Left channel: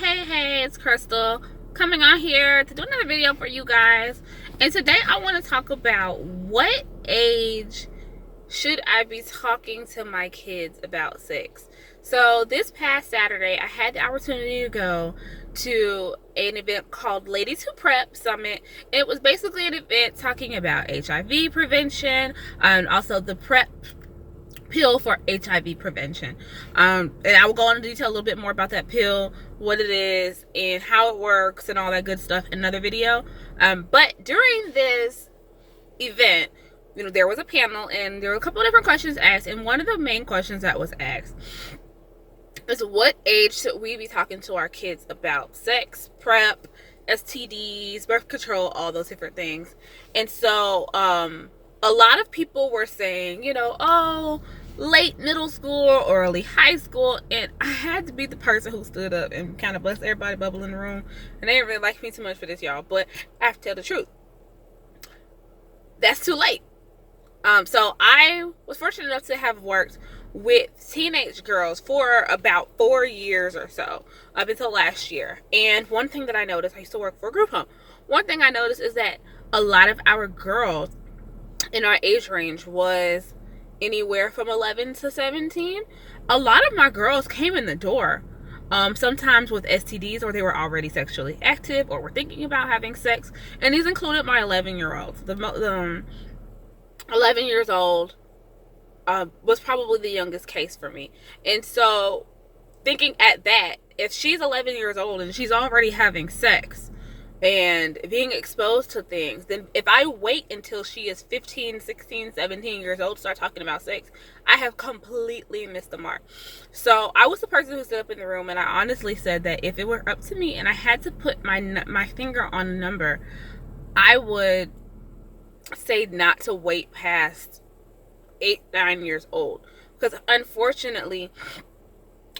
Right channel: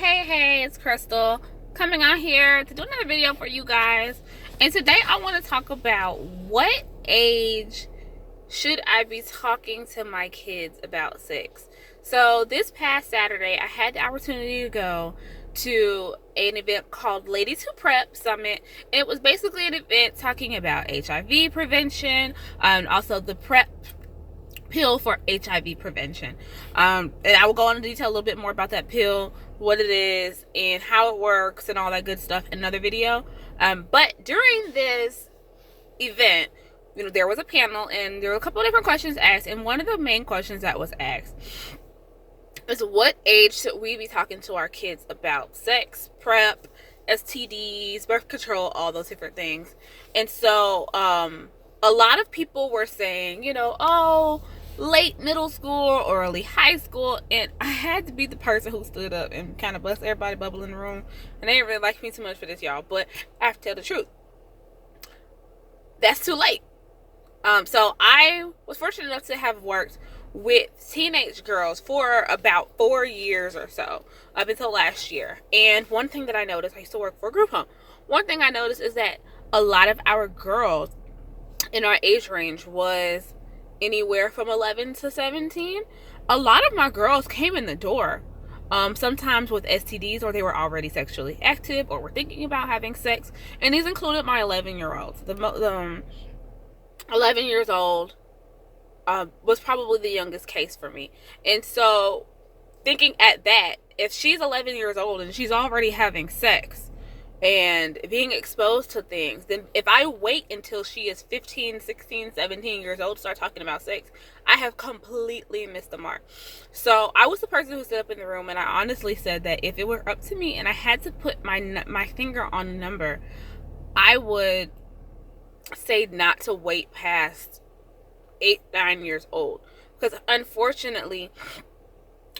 Hey, it's Crystal coming on here to do another video for you guys. And today I want to talk about what age should I be talking to my kids about sex. So this past Saturday, I had the opportunity to go to an event called Ladies Who Prep Summit. It was basically an event talking about HIV prevention and also the PrEP pill for HIV prevention. And I will go into detail a little bit more about that pill, what it is, and how it works, and all that good stuff in another video. But during this event, there was a panel, and there were a couple of different questions asked. And one of the main questions that was asked is, what age should we be talking to our kids about sex, PrEP, STDs, birth control, all those different things? And so, a lot of people were saying, late middle school or early high school, and I had to be the person who stood up and kind of bust everybody bubble in the room. And they didn't really like me too much for this, y'all, but I have to tell the truth. That's too late. So I was fortunate enough to have worked with teenage girls for about 4 years or so, up until last year. And one thing that I noticed, I used to work for a group home. One thing I noticed is that a lot of our girls in our age range was anywhere from 11 to 17. A lot of my girls came in the door sometimes with STDs, or they were already sexually active or were thinking about having sex, and these included my 11-year-olds. The 11 years old was probably the youngest case for me. And so thinking at that, if she's 11 years old and she's already having sex and being exposed to things, then if I wait until she is 15, 16, 17 years old to start talking about sex, I have completely missed the mark. So I was the person who stood up in the room, and I honestly said that if it were up to me and I had to put my finger on a number, I would say not to wait past 8, 9 years old. Because unfortunately,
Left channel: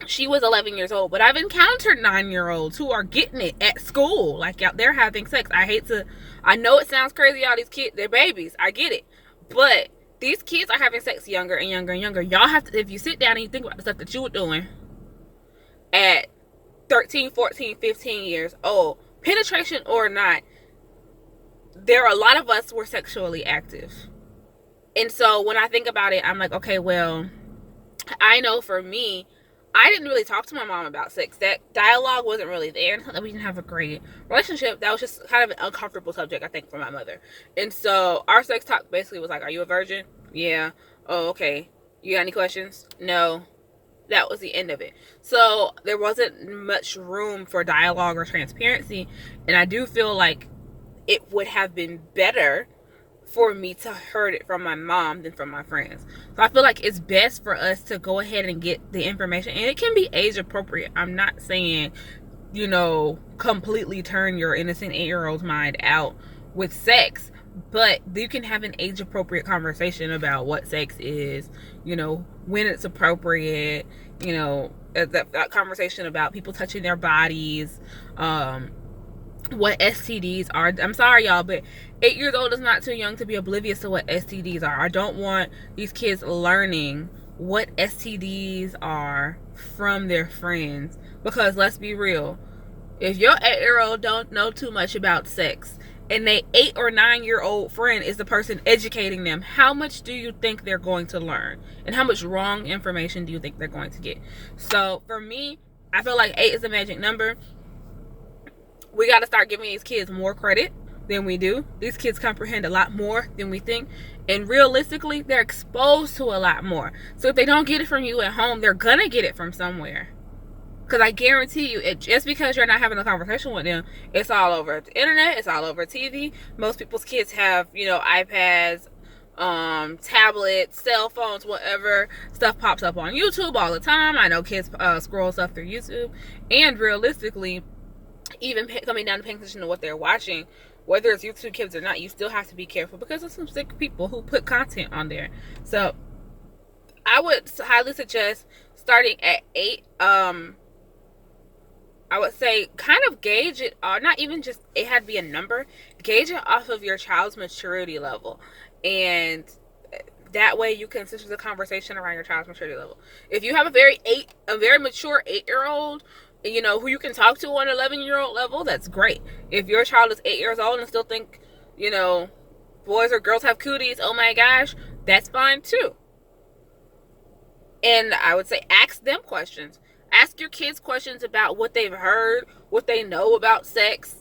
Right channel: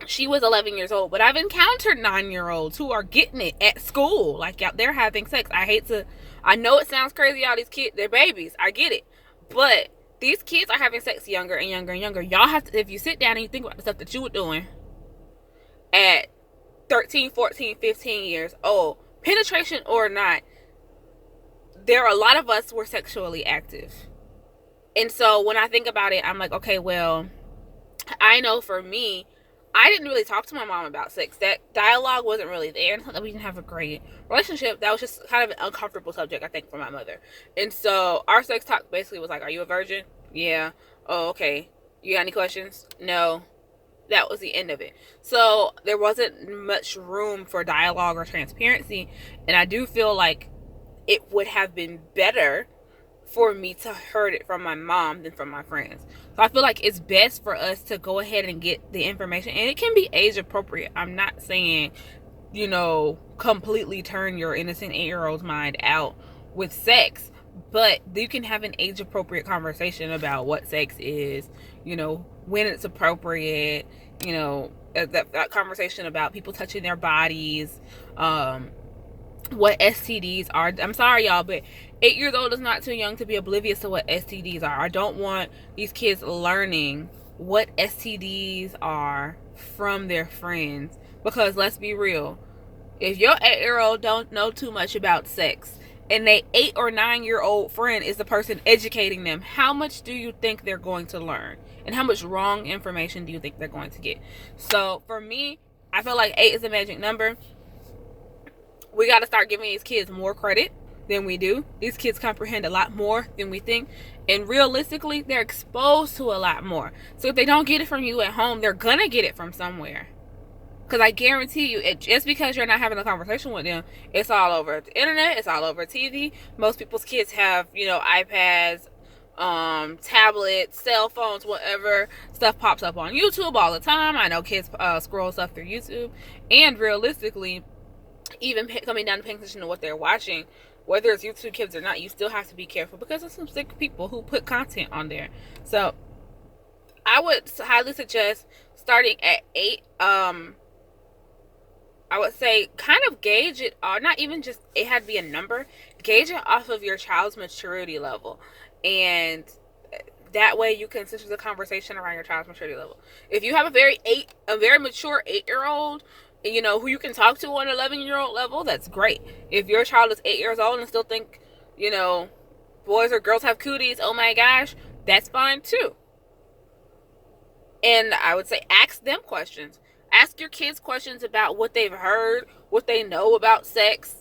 she was 11 years old, but I've encountered 9-year-olds who are getting it at school. Like, they're having sex. I know it sounds crazy, all these kids, they're babies. I get it. But these kids are having sex younger and younger and younger. Y'all have to, if you sit down and you think about the stuff that you were doing at 13, 14, 15 years old, penetration or not, there are a lot of us who were sexually active. And so when I think about it, I'm like, okay, well, I know for me, I didn't really talk to my mom about sex. That dialogue wasn't really there. We didn't have a great relationship. That was just kind of an uncomfortable subject, I think, for my mother. And so our sex talk basically was like, are you a virgin? Yeah. Oh, okay. You got any questions? No. That was the end of it. So there wasn't much room for dialogue or transparency. And I do feel like it would have been better for me to heard it from my mom than from my friends. So I feel like it's best for us to go ahead and get the information, and it can be age appropriate. I'm not saying, completely turn your innocent 8-year-old's mind out with sex, but you can have an age appropriate conversation about what sex is, when it's appropriate, that conversation about people touching their bodies, what STDs are. I'm sorry, y'all, but 8 years old is not too young to be oblivious to what STDs are. I don't want these kids learning what STDs are from their friends, because let's be real, if your 8-year-old don't know too much about sex and they 8 or 9-year-old friend is the person educating them, how much do you think they're going to learn, and how much wrong information do you think they're going to get? So for me, I feel like 8 is a magic number. We got to start giving these kids more credit than we do. These kids comprehend a lot more than we think. And realistically, they're exposed to a lot more. So if they don't get it from you at home, they're going to get it from somewhere. Because I guarantee you, just because you're not having a conversation with them, it's all over the internet. It's all over TV. Most people's kids have, iPads, tablets, cell phones, whatever. Stuff pops up on YouTube all the time. I know kids scroll stuff through YouTube. And realistically, even coming down to paying attention to what they're watching, whether it's YouTube Kids or not, you still have to be careful, because there's some sick people who put content on there. So I would highly suggest starting at 8. I would say kind of gauge it, or not even just it had to be a number, gauge it off of your child's maturity level, and that way you can center the conversation around your child's maturity level. If you have a very mature 8-year-old you know, who you can talk to on an 11-year-old level, that's great. If your child is 8 years old and still think, you know, boys or girls have cooties, oh my gosh, that's fine too. And I would say ask them questions. Ask your kids questions about what they've heard, what they know about sex,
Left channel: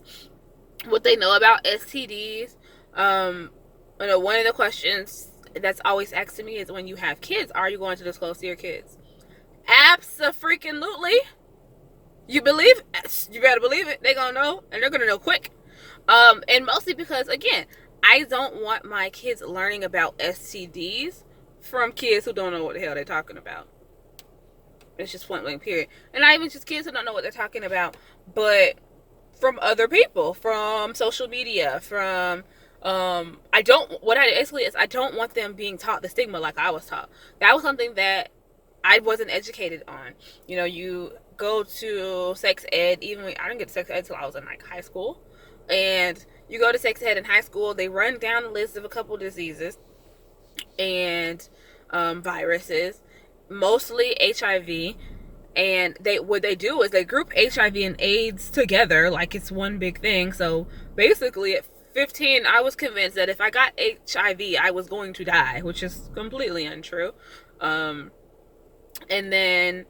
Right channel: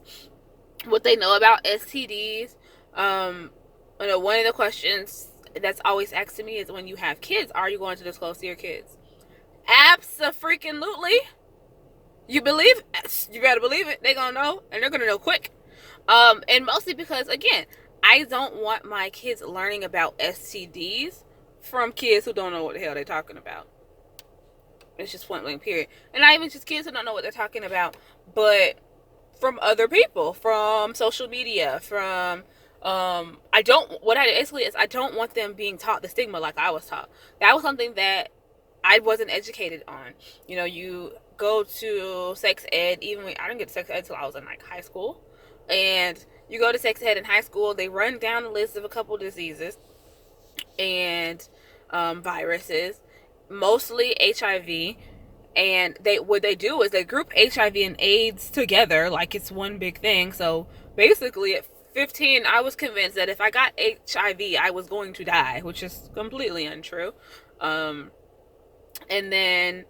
what they know about STDs. You know, one of the questions that's always asked to me is, when you have kids, are you going to disclose to your kids? Abso-freaking-lutely. You believe it? You better believe it. They're gonna know, and they're gonna know quick. And mostly because, again, I don't want my kids learning about STDs from kids who don't know what the hell they're talking about. It's just point blank, period. And not even just kids who don't know what they're talking about, but from other people, from social media, from I don't want them being taught the stigma like I was taught. That was something that I wasn't educated on. You know, you go to sex ed, even when I didn't get to sex ed until I was in like high school. And you go to sex ed in high school, they run down a list of a couple diseases and viruses, mostly HIV. And what they do is they group HIV and AIDS together like it's one big thing. So basically at 15, I was convinced that if I got HIV, I was going to die, which is completely untrue. And then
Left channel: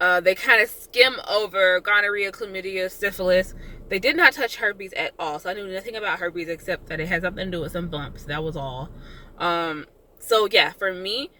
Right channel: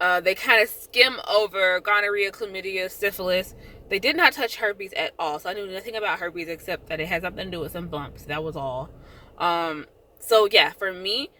they kind of skim over gonorrhea, chlamydia, syphilis. They did not touch herpes at all. So I knew nothing about herpes except that it had something to do with some bumps. That was all. So yeah, for me,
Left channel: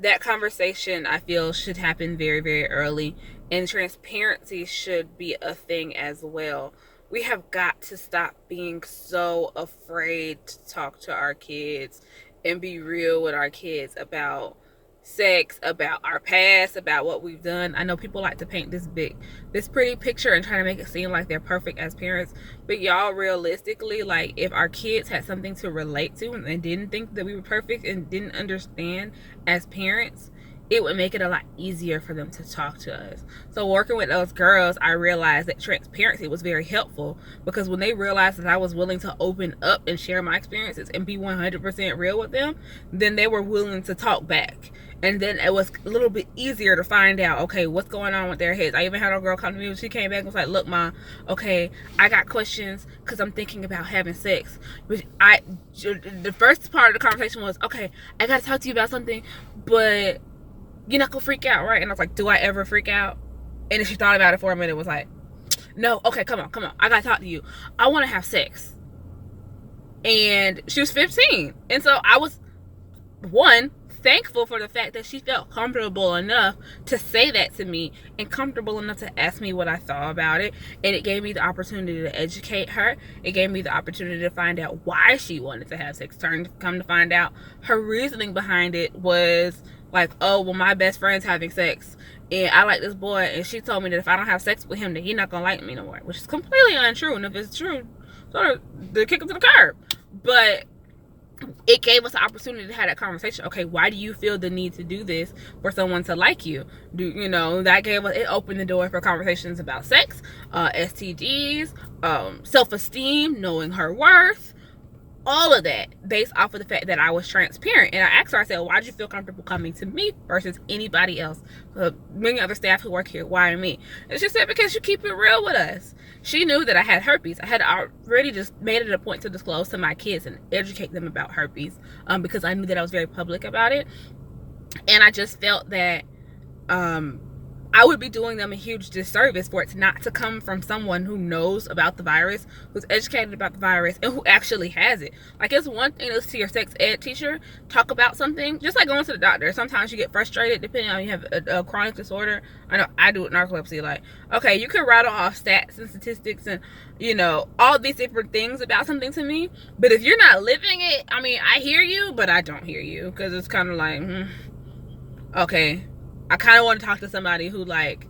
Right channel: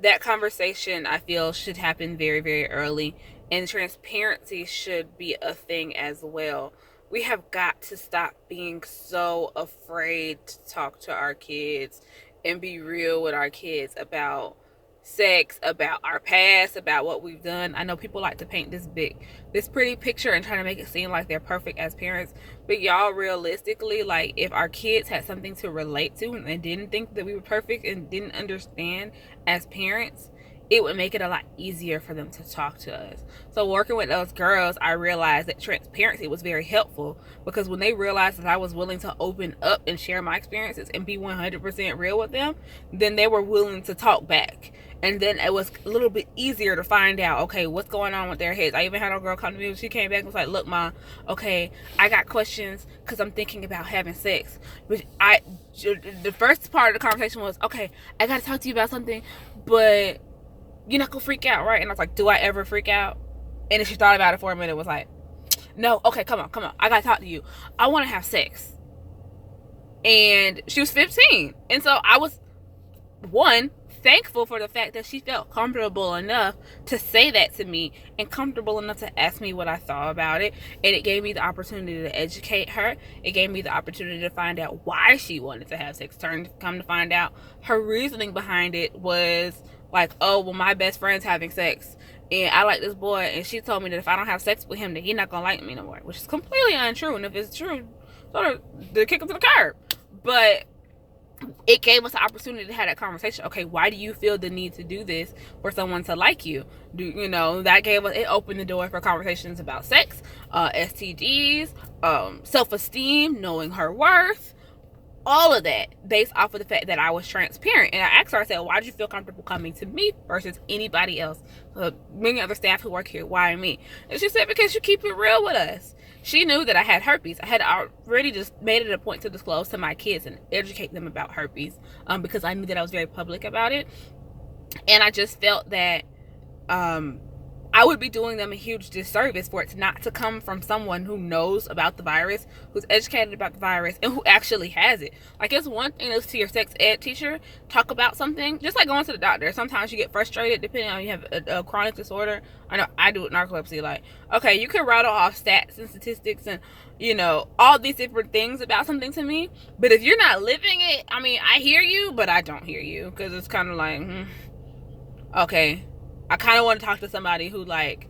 that conversation, I feel, should happen very, very early. And transparency should be a thing as well. We have got to stop being so afraid to talk to our kids and be real with our kids about sex, about our past, about what we've done. I know people like to paint this pretty picture and try to make it seem like they're perfect as parents, but y'all, realistically, like, if our kids had something to relate to and didn't think that we were perfect and didn't understand as parents, it would make it a lot easier for them to talk to us. So working with those girls, I realized that transparency was very helpful, because when they realized that I was willing to open up and share my experiences and be 100% real with them, then they were willing to talk back. And then it was a little bit easier to find out, okay, what's going on with their heads. I even had a girl come to me when she came back and was like, look, Mom, okay, I got questions because I'm thinking about having sex. But the first part of the conversation was, okay, I got to talk to you about something, but you're not going to freak out, right? And I was like, do I ever freak out? And then she thought about it for a minute, was like, no, okay, come on. I got to talk to you. I want to have sex. And she was 15. And so I was, thankful for the fact that she felt comfortable enough to say that to me and comfortable enough to ask me what I thought about it. And it gave me the opportunity to educate her. It gave me the opportunity to find out why she wanted to have sex. Come to find out, her reasoning behind it was like, oh, well, my best friend's having sex and I like this boy, and she told me that if I don't have sex with him, that he's not gonna like me no more, which is completely untrue. And if it's true, sort of to kick him to the curb. But it gave us the opportunity to have that conversation. Okay, why do you feel the need to do this for someone to like you? That gave us, it opened the door for conversations about sex, STDs, self-esteem, knowing her worth, all of that based off of the fact that I was transparent. And I asked her, I said, why did you feel comfortable coming to me versus anybody else? Many other staff who work here, why me? And she said, because you keep it real with us. She knew that I had herpes. I had already just made it a point to disclose to my kids and educate them about herpes, because I knew that I was very public about it. And I just felt that I would be doing them a huge disservice for it not to come from someone who knows about the virus, who's educated about the virus, and who actually has it. Like, it's one thing to listen to your sex ed teacher talk about something, just like going to the doctor. Sometimes you get frustrated depending on if you have a chronic disorder. I know I do with narcolepsy. Like, okay, you can rattle off stats and statistics and, all these different things about something to me. But if you're not living it, I mean, I hear you, but I don't hear you, because it's kind of like, okay. I kind of want to talk to somebody who, like,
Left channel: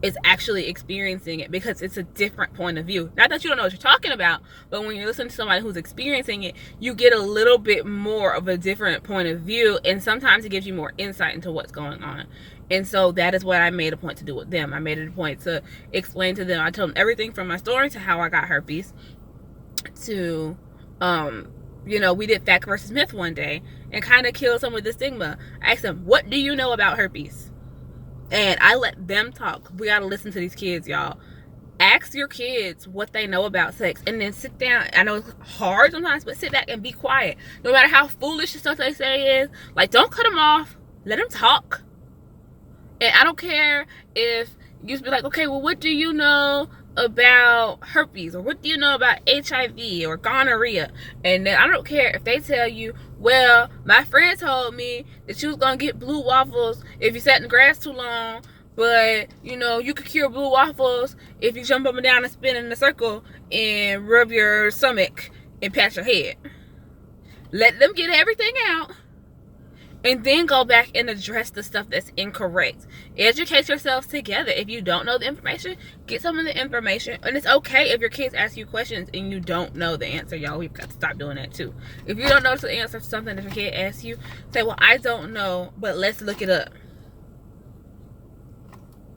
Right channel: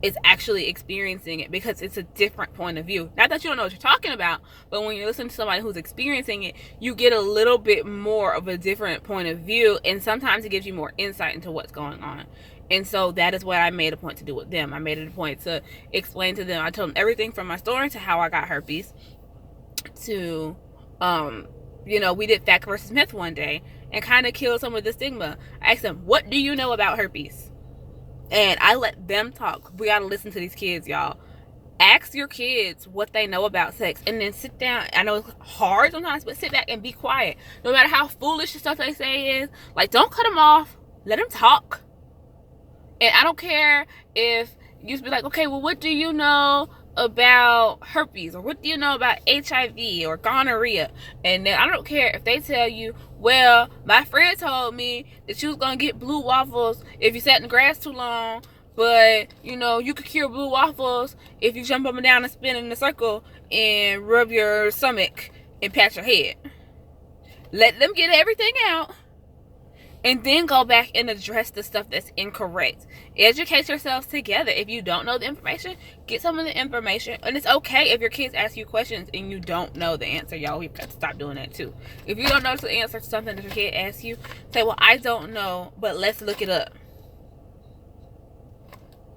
is actually experiencing it, because it's a different point of view. Not that you don't know what you're talking about, but when you're listening to somebody who's experiencing it, you get a little bit more of a different point of view, and sometimes it gives you more insight into what's going on. And so that is what I made a point to do with them. I made it a point to explain to them. I told them everything from my story to how I got herpes to, we did fact versus myth one day and kind of killed some of the stigma. I asked them, what do you know about herpes? And I let them talk. We gotta listen to these kids, y'all. Ask your kids what they know about sex, and then sit down. I know it's hard sometimes, but sit back and be quiet. No matter how foolish the stuff they say is, like, don't cut them off. Let them talk. And I don't care if you be like, okay, well, what do you know about herpes, or what do you know about HIV or gonorrhea? And then I don't care if they tell you, well, my friend told me that you was gonna get blue waffles if you sat in the grass too long, but you know, you could cure blue waffles if you jump up and down and spin in a circle and rub your stomach and pat your head. Let them get everything out, and then go back and address the stuff that's incorrect. Educate yourselves together. If you don't know the information, get some of the information. And it's okay if your kids ask you questions and you don't know the answer, y'all. We've got to stop doing that too. If you don't know the answer to something that your kid asks you, say, well, I don't know, but let's look it up.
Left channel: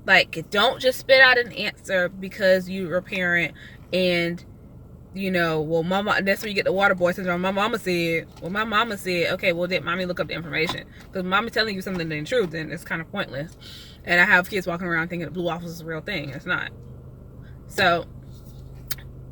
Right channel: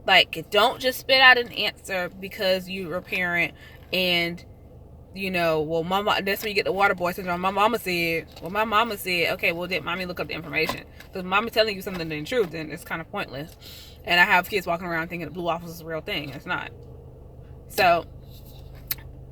Like, don't just spit out an answer because you're a parent and, you know, well, mama, that's where you get the water boy syndrome. My mama said, okay, well, did mommy look up the information? Because mommy telling you something that ain't true, then it's kind of pointless. And I have kids walking around thinking that blue waffles is a real thing. It's not. So,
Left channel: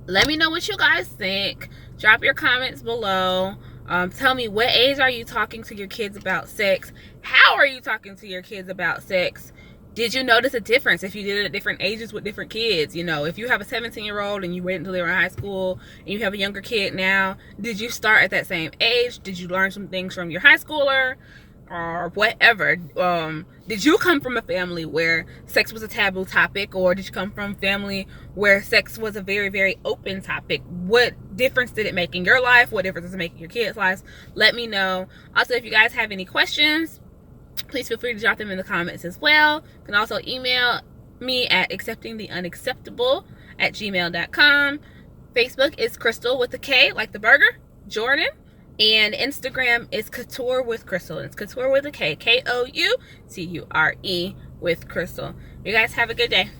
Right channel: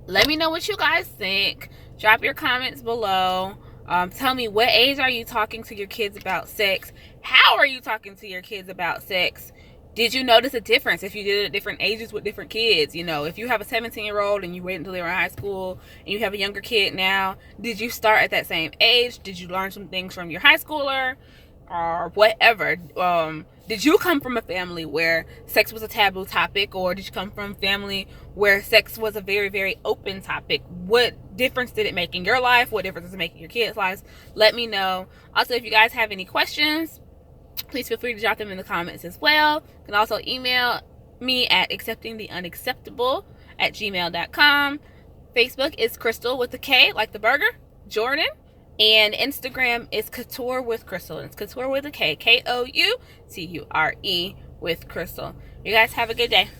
let me know what you guys think. Drop your comments below. Tell me, what age are you talking to your kids about sex? How are you talking to your kids about sex? Did you notice a difference if you did it at different ages with different kids? You know, if you have a 17-year-old and you waited until they were in high school and you have a younger kid now, did you start at that same age? Did you learn some things from your high schooler or whatever? Did you come from a family where sex was a taboo topic, or did you come from a family where sex was a very, very open topic? What difference did it make in your life? What difference does it make in your kids' lives? Let me know. Also, if you guys have any questions, please feel free to drop them in the comments as well. You can also email me at acceptingtheunacceptable@gmail.com. Facebook is Crystal with a K, like the burger, Jordan. And Instagram is Couture with Crystal. It's Couture with a K, Kouture with Crystal. You guys have a good day.